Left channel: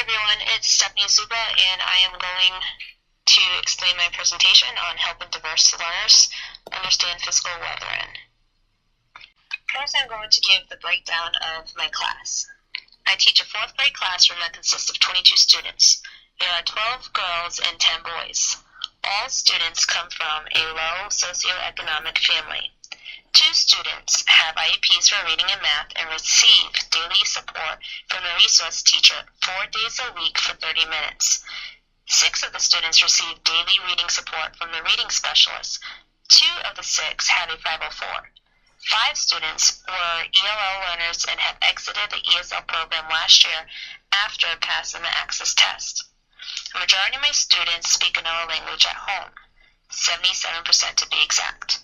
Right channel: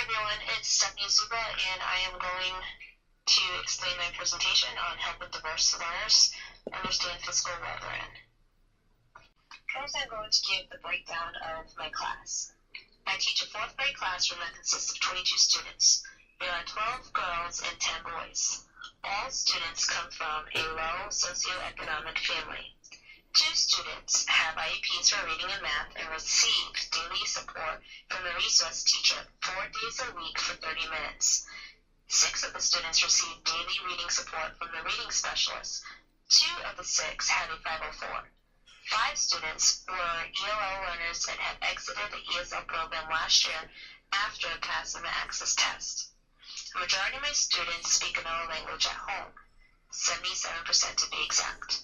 everyone, it's Stephanie Zuba, and I am going to explain my presentation on helping diverse learners understand fiscal weathering. First, I'm going to give the breakdown of my class. I teach a 4th grade classroom that consists of 22 students. There are 12 girls and 10 boys. All students come from a low socioeconomic family. 2 students have IEPs for reading and math and receive daily support from a resource teacher 4 days a week for 30 minutes. 6 of the students receive daily reading support from the reading specialist. 2 of the 6 have a 504. 5 students were ELL learners and have exited the ESL program last year after passing the Access test. The majority of my students speak another language at home, 77% to be exact.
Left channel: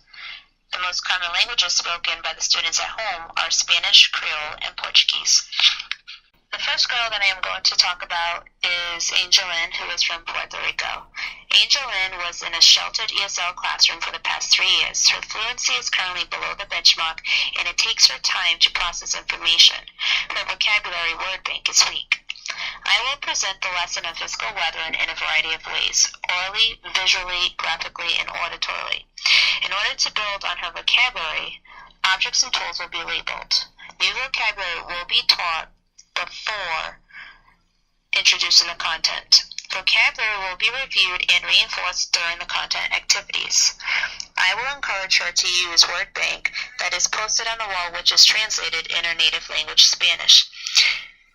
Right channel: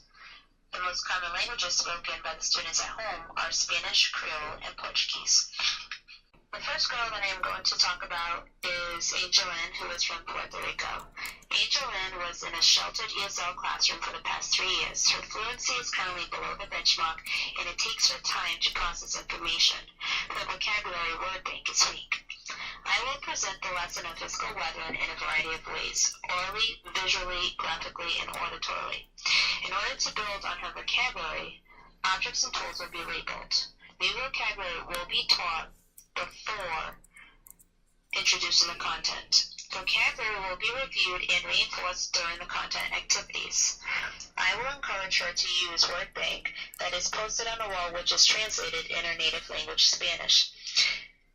The most common languages spoken by the students at home are Spanish, Creole, and Portuguese. The first girl that I am going to talk about is Angel Lynn, who is from Puerto Rico. Angel Lynn was in a sheltered ESL classroom for the past 3 years. Her fluency is currently below the benchmark, and it takes her time to process information. Her vocabulary word bank is weak. I will present the lesson of fiscal weathering in a variety of ways, orally, visually, graphically, and auditorily. In order to build on her vocabulary, objects and tools will be labeled. New vocabulary will be taught before introducing the content. Vocabulary will be reviewed and reinforced during the content activities. I will encourage her to use word bank that is posted on the wall, which is translated in her native language, Spanish.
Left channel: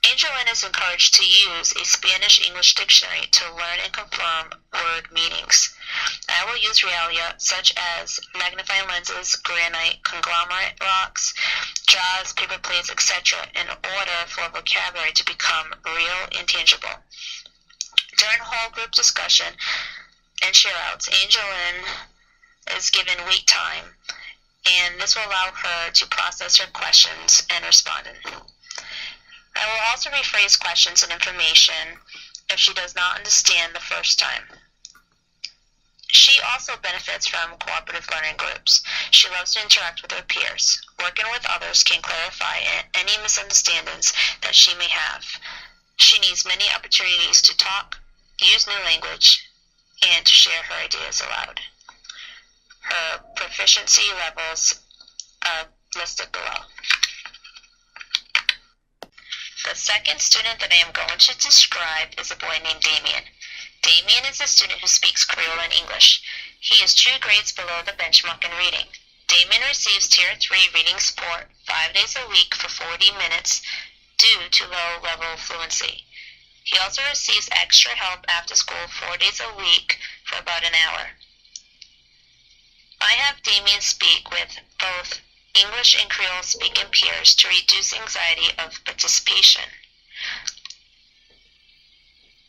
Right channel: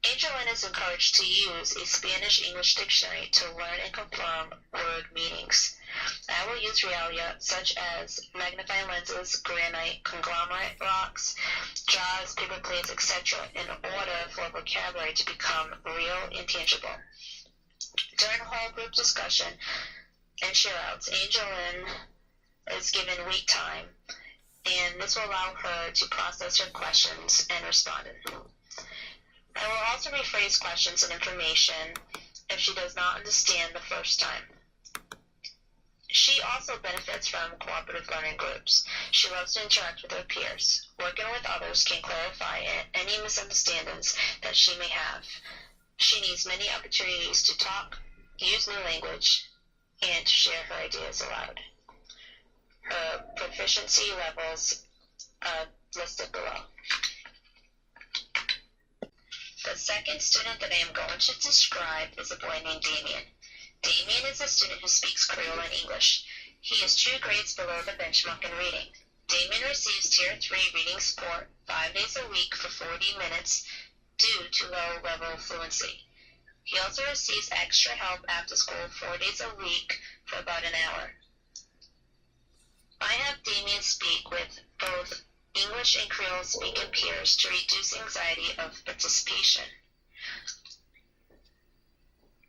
Angel Lynn is encouraged to use a Spanish-English dictionary to learn and confirm word meanings. I will use realia such as magnifying lenses, granite, conglomerate rocks, jaws, paper plates, etc. in order for vocabulary to become real and tangible. During whole group discussion and share-outs, Angel Lynn is given wait time, and this will allow her to process her questions and respond. I will also rephrase questions and information if she does not understand the first time. She also benefits from cooperative learning groups. She loves to interact with her peers. Working with others can clarify any misunderstandings that she may have. She needs many opportunities to talk, use new language, and to share her ideas aloud. Her proficiency levels are listed below. The second student that I am going to describe is a boy named Damien. Damien is a student who speaks Creole and English. He is 2 grades below the benchmark in reading. Damien receives Tier 3 reading support 5 days a week for 40 minutes due to low-level fluency. He also receives extra help after school 4 days a week for about an hour. I have Damien speak with both English and Creole speaking peers to reduce anxiety of participation.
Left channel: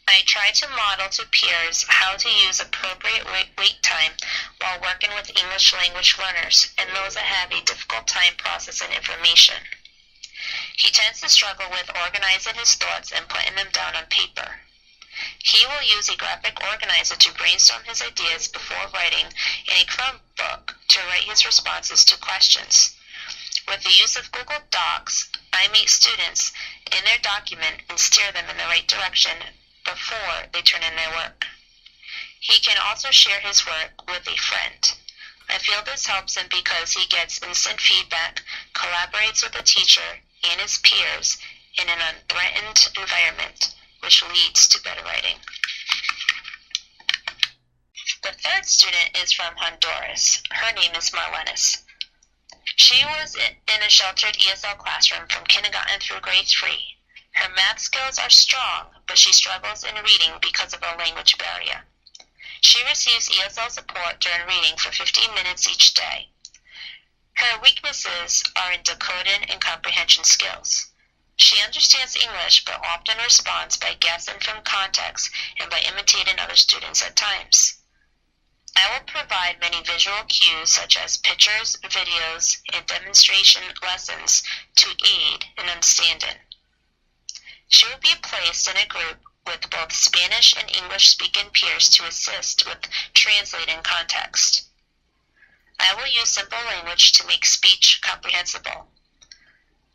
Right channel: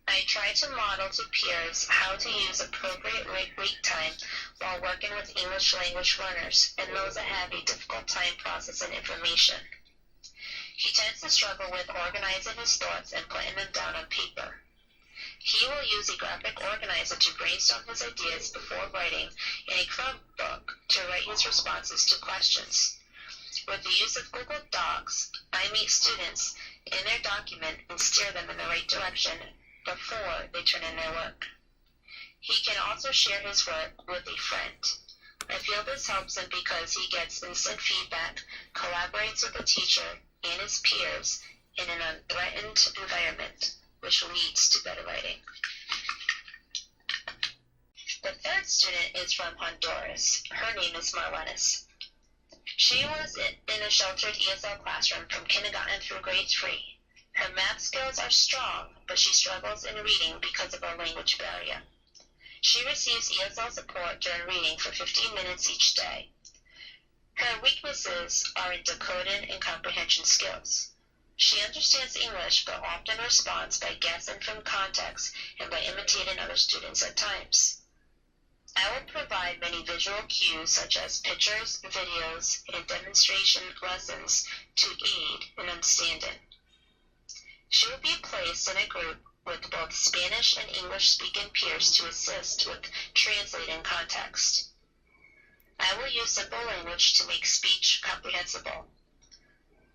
I try to model to peers how to use appropriate wait time while working with English language learners and those that have a difficult time processing information. He tends to struggle with organizing his thoughts and putting them down on paper. He will use a graphic organizer to brainstorm his ideas before writing in a Chromebook to write his responses to questions. With the use of Google Docs, I meet students in their document and steer them in the right direction before they turn in their work. He can also share his work with a friend. I feel this helps him because he gets instant feedback, collaborates with the teacher and his peers in an unthreatened environment, which leads to better writing. The third student is from Honduras. Her name is Marlenis. She was in a sheltered ESL classroom from kindergarten through grade 3. Her math skills are strong, but she struggles in reading because of a language barrier. She receives ESL support during reading for 15 minutes each day. Her weaknesses are in decoding and comprehension skills. She understands English, but often responds by guessing from context and by imitating other students at times. I will provide many visual cues such as pictures, videos, and demonstration lessons to aid in understanding. She will be placed in a group with both Spanish and English-speaking peers to assist with translating context. I will use simple language to make speech comprehensible.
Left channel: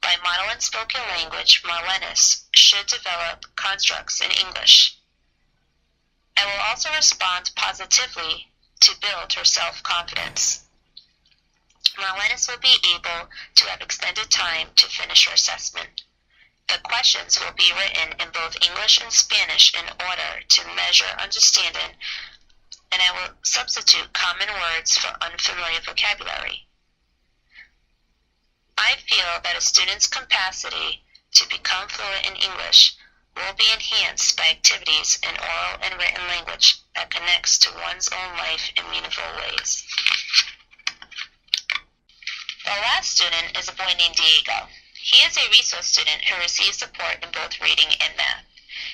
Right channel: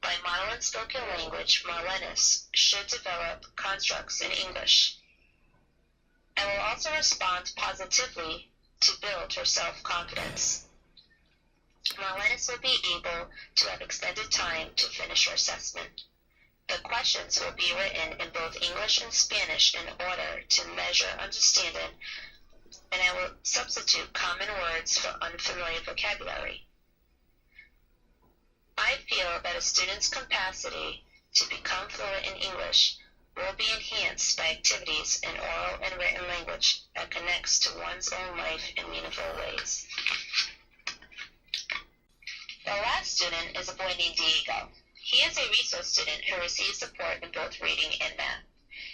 By model and spoken language, Marlenis should develop constructs in English and will also respond positively to build her self-confidence. Marlenis will be able to have extended time to finish her assessment. The questions will be written in both English and Spanish in order to measure understanding, and I will substitute common words for unfamiliar vocabulary. I feel that a student's capacity to become fluent in English will be enhanced by activities in oral and written language that connects to one's own life in meaningful ways. The last student is a boy named Diego. He is a resource student who receives support in both reading and math.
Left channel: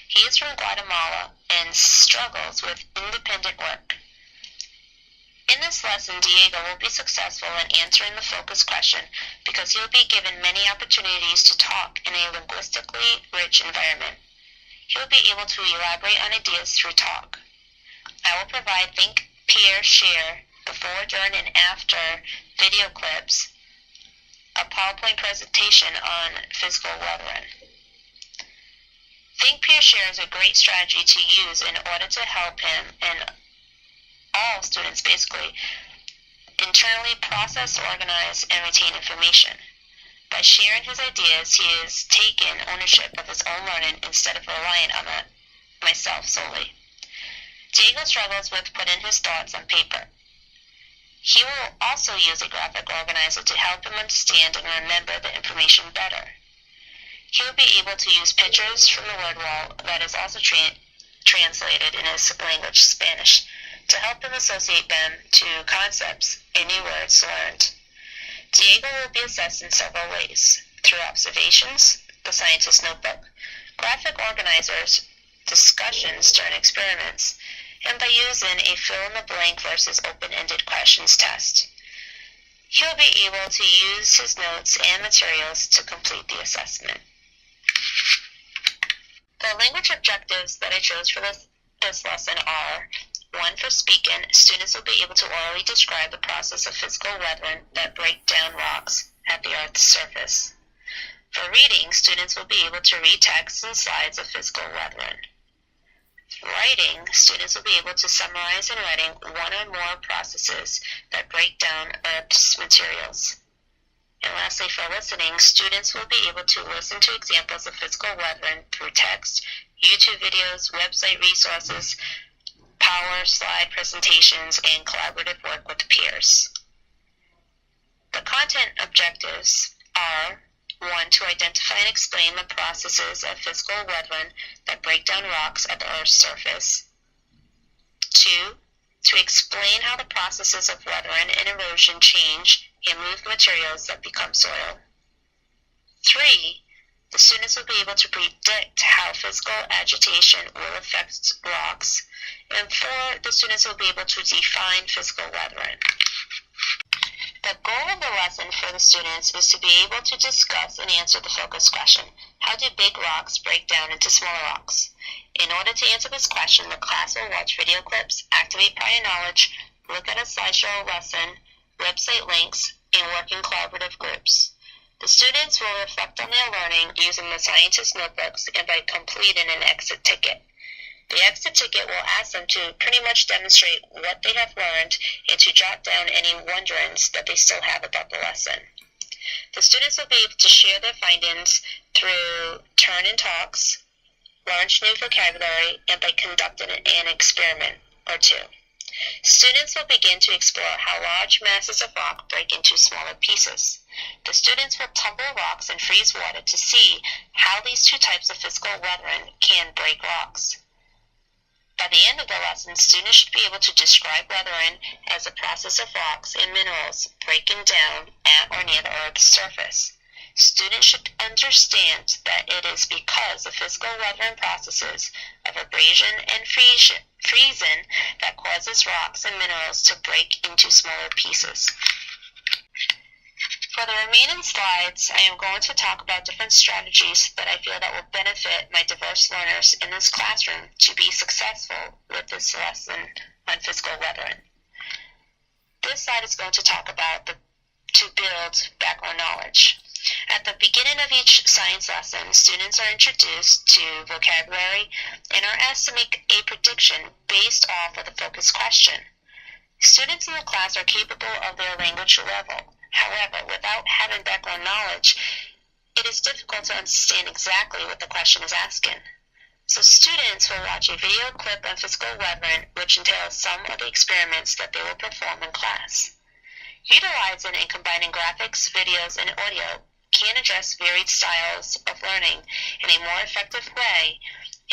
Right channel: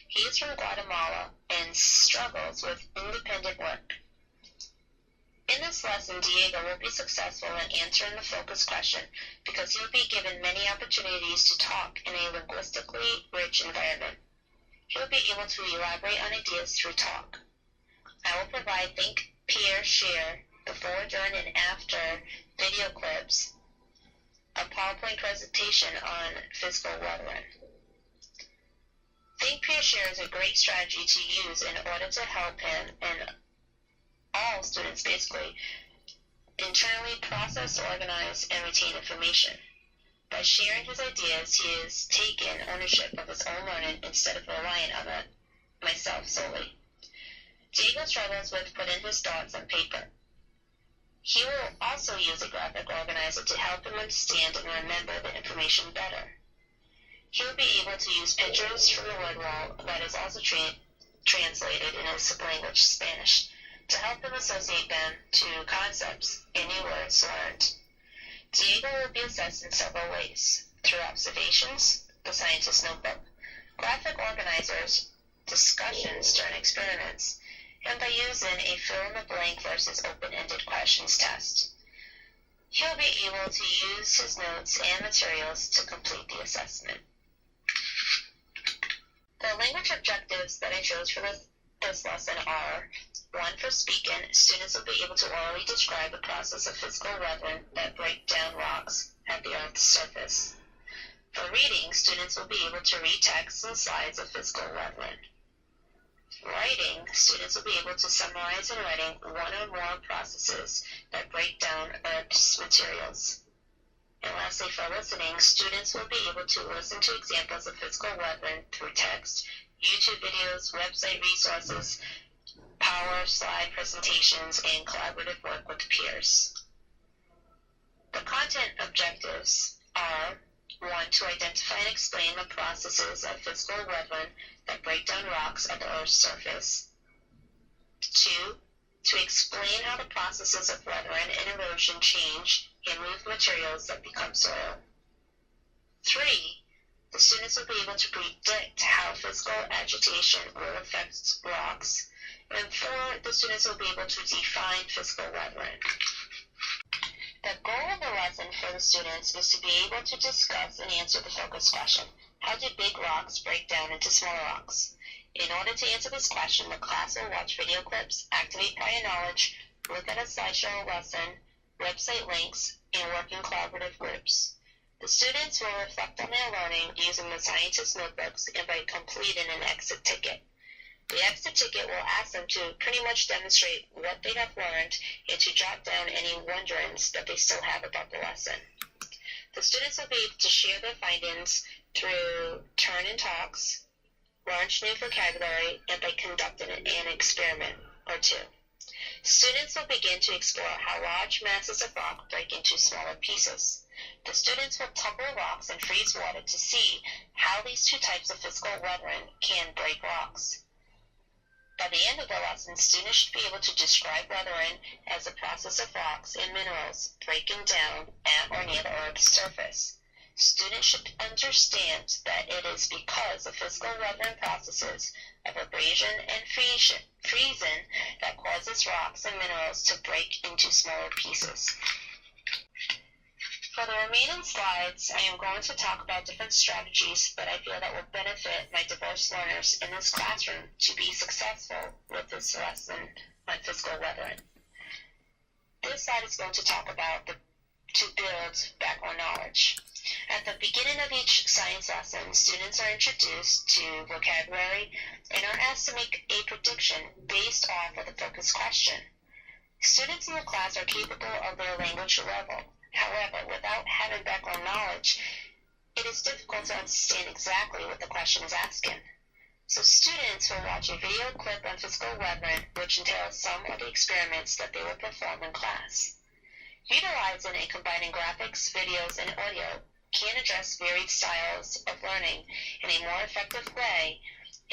He is from Guatemala and struggles with independent work. In this lesson, Diego will be successful in answering the focus question because he will be given many opportunities to talk in a linguistically rich environment. He will be able to elaborate on ideas through talk. I will provide think, peer, share, before, during, and after video clips, a PowerPoint presentation on physical weathering. Think, peer, share is a great strategy to use in order to help him and all students basically internally process, organize, and retain information. By sharing his ideas, he has taken ownership of his own learning instead of relying on myself solely. Diego struggles with putting his thoughts on paper. He will also use a graphic organizer to help him understand and remember the information better. He will be able to use pictures from the word wall that is also translated in his language, Spanish, to help him associate them to concepts and new words learned. Diego will be assessed in several ways: through observations, the scientist's notebook, graphic organizers, discussions during experiments, and by using a fill-in-the-blank versus open-ended questions test. He will be able to use his notes and materials to complete the assessment. The language objectives that I chose for this lesson are: 1. For speaking, students will be able to orally describe the process of physical weathering that break down rocks at the Earth's surface. For reading, students will be able to read texts and slides of physical weathering. For writing, students will be able to summarize in writing one or more processes that break down Earth's materials. And lastly, for listening, students will be able to listen to examples of physical weathering through text, YouTube videos, website resources, power slide presentations, and collaborative work with peers. The content objectives are: 1. To identify and explain the processes of physical weathering that break down rocks at the Earth's surface. 2. To explain how the processes of weathering and erosion change and move materials that become soil. 3. The students will be able to predict how physical agitation will affect rocks. And 4. The students will be able to define physical weathering. The goal of the lesson for the students is to be able to discuss and answer the focus question: how do big rocks break down into smaller rocks? In order to answer this question, the class will watch video clips, activate prior knowledge, look at a slideshow lesson, website links, and work in collaborative groups. The students will reflect on their learning using the scientist's notebooks and by completing an exit ticket. The exit ticket will ask them to pretty much demonstrate what they have learned and to jot down any wonderings that they still have about the lesson. The students will be able to share their findings through turn-in talks, launch new vocabulary, and by conducting an experiment or two. Students will begin to explore how large masses of rock break into smaller pieces. The students will tumble rocks and freeze water to see how these two types of physical weathering can break rocks. By the end of the lesson, students should be able to describe weathering as a process of rocks and minerals breaking down at or near the Earth's surface. Students should understand that it is because of physical weathering processes of abrasion and freezing that causes rocks and minerals to break into smaller pieces. For the remaining slides, I am going to talk about different strategies that I feel that will benefit my diverse learners in this classroom to be successful with this lesson on physical weathering. This slide is going to talk about the to build background knowledge. At the beginning of each science lesson, students are introduced to vocabulary and are asked to make a prediction based off of the focus question. Students in the class are capable of their language level. However, without having background knowledge, it is difficult to understand exactly what the question is asking. So students will watch a video clip on physical weathering, which entails some of the experiments that they will perform in class. Utilizing and combining graphics, videos, and audio can address varied styles of learning in a more effective way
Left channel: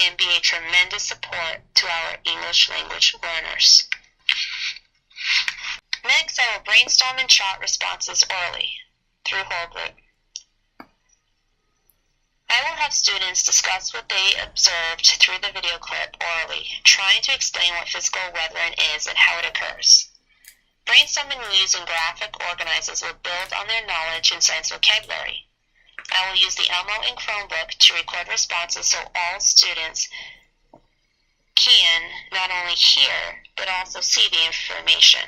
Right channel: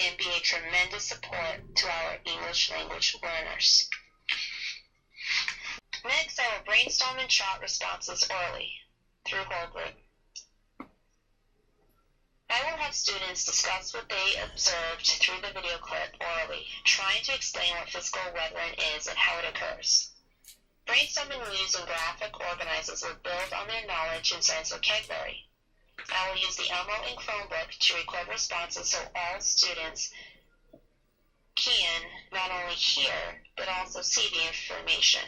and be a tremendous support to our English language learners. Next, I will brainstorm and chart responses orally through whole group. I will have students discuss what they observed through the video clip orally, trying to explain what physical weathering is and how it occurs. Brainstorming using graphic organizers will build on their knowledge in science vocabulary. I will use the Elmo and Chromebook to record responses so all students can not only hear but also see the information.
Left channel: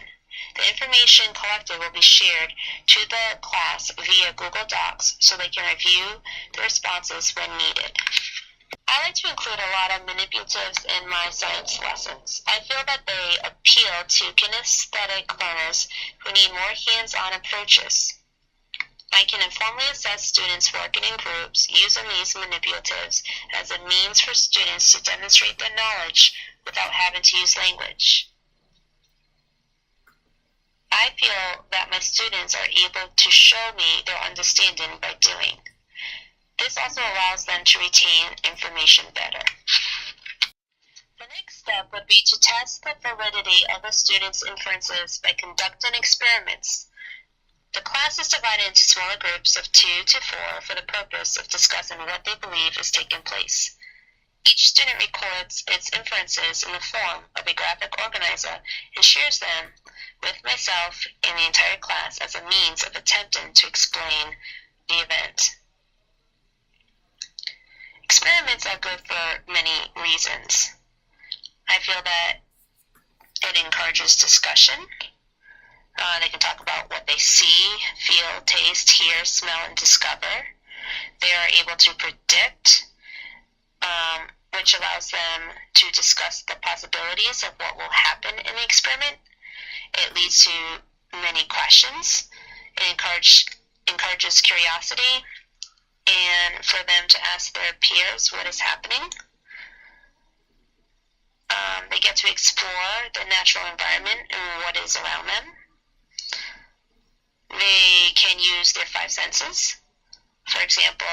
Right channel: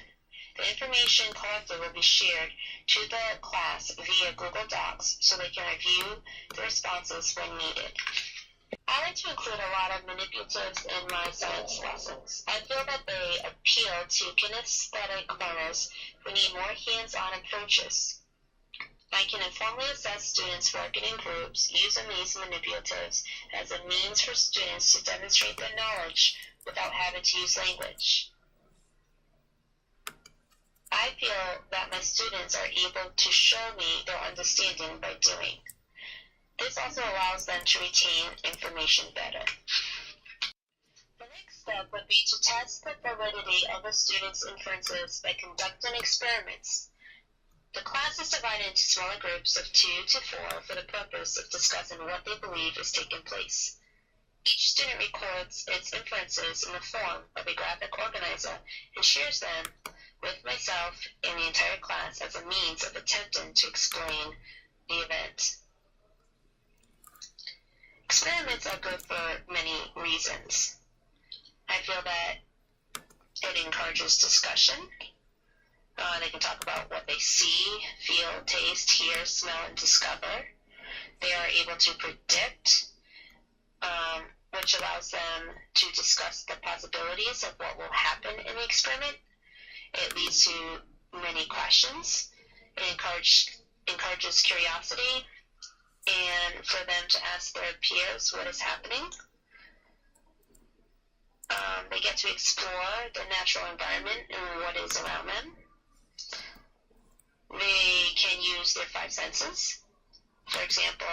The information collected will be shared to the class via Google Docs so they can review the responses when needed. I like to include a lot of manipulatives in my science lessons. I feel that they appeal to kinesthetic learners who need more hands-on approaches. I can informally assess students working in groups using these manipulatives as a means for students to demonstrate their knowledge without having to use language. I feel that my students are able to show me their understanding by doing. This also allows them to retain information better. The next step would be to test the validity of a student's inferences by conducting experiments. The class is divided into smaller groups of 2 to 4 for the purpose of discussing what they believe is taking place. Each student records its inferences in the form of a graphic organizer and shares them with myself and the entire class as a means of attempting to explain the event. Experiments are good for many reasons. I feel that it encourages discussion. They can talk about what they see, feel, taste, hear, smell, and discover. They are able to predict, which allows them to discuss the possibilities of what will happen in the experiment. It leads to many questions. It encourages curiosity and for them to ask their peers what is happening. They get to explore the natural environment and what is around them. They can use their 5 senses. For example,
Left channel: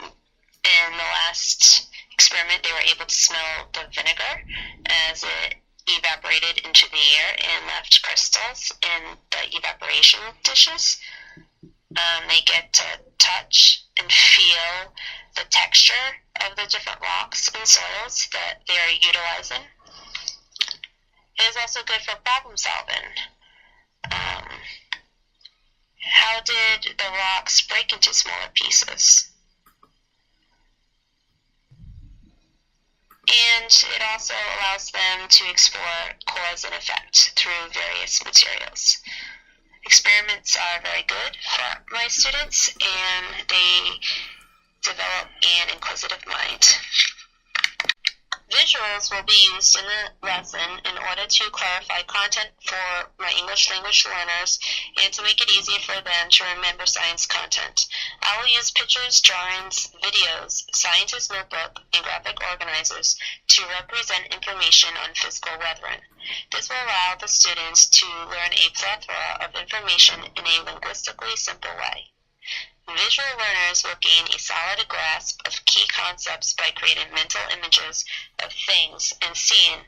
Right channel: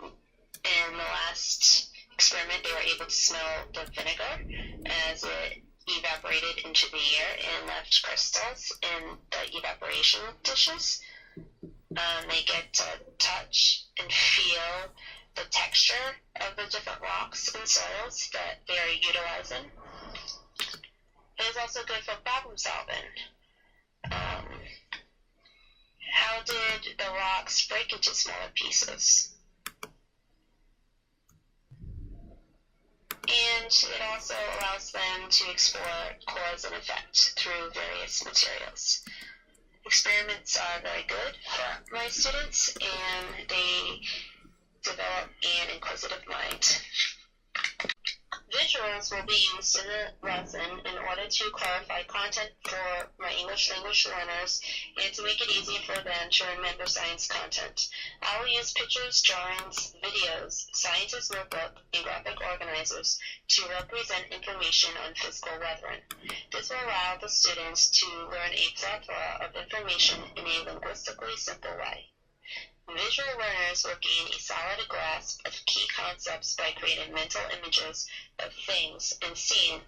in the last experiment, they were able to smell the vinegar as it evaporated into the air and left crystals in the evaporation dishes. They get to touch and feel the texture of the different rocks and soils that they are utilizing. It is also good for problem solving. How did the rocks break into smaller pieces? And it also allows them to explore cause and effect through various materials. Experiments are very good for my students, and they develop an inquisitive mind. Visuals will be used in the lesson in order to clarify content for my English language learners and to make it easier for them to remember science content. I will use pictures, drawings, videos, scientist notebook, and graphic organizers to represent information on physical weathering. This will allow the students to learn a plethora of information in a linguistically simple way. Visual learners will gain a solid grasp of key concepts by creating mental images of things and seeing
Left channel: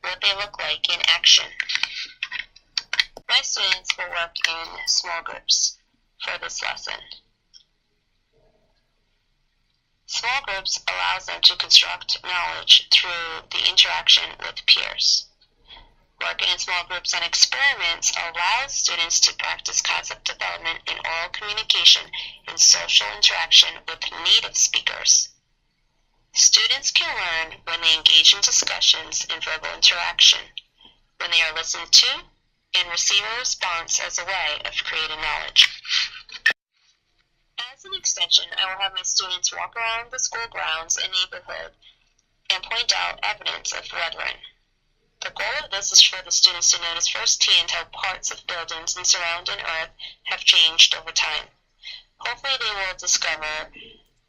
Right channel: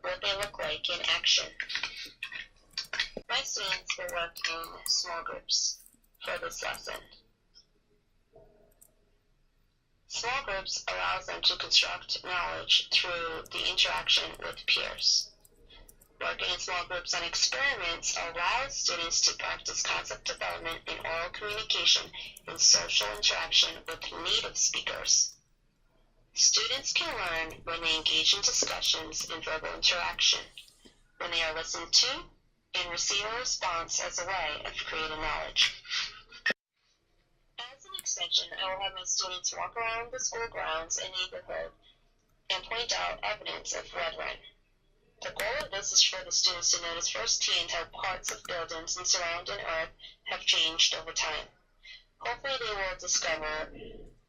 what they look like in action. My students will work in small groups for this lesson. Small groups allows them to construct knowledge through the interaction with peers. Working in small groups on experiments allows students to practice concept development in oral communication and social interaction with native speakers. Students can learn when they engage in discussions and verbal interaction, when they are listened to, and receive a response as a way of creating knowledge. As an extension, I will have my students walk around the school grounds and neighborhood and point out evidence of weathering. The goal of this is for the students to notice firsthand how parts of buildings and surrounding earth have changed over time. Hopefully they will discover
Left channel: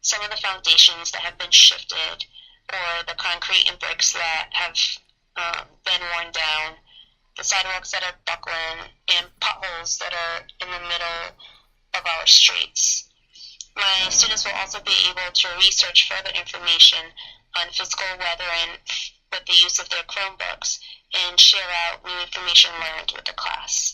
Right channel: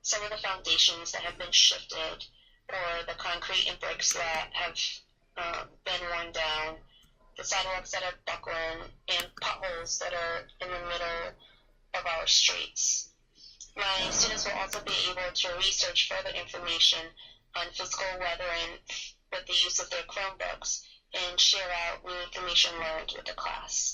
some of the foundations that have been shifted, or the concrete and bricks that have been worn down, the sidewalks that are buckling, and potholes that are in the middle of our streets. My students will also be able to research further information on physical weathering with the use of their Chromebooks and share out new information learned with the class.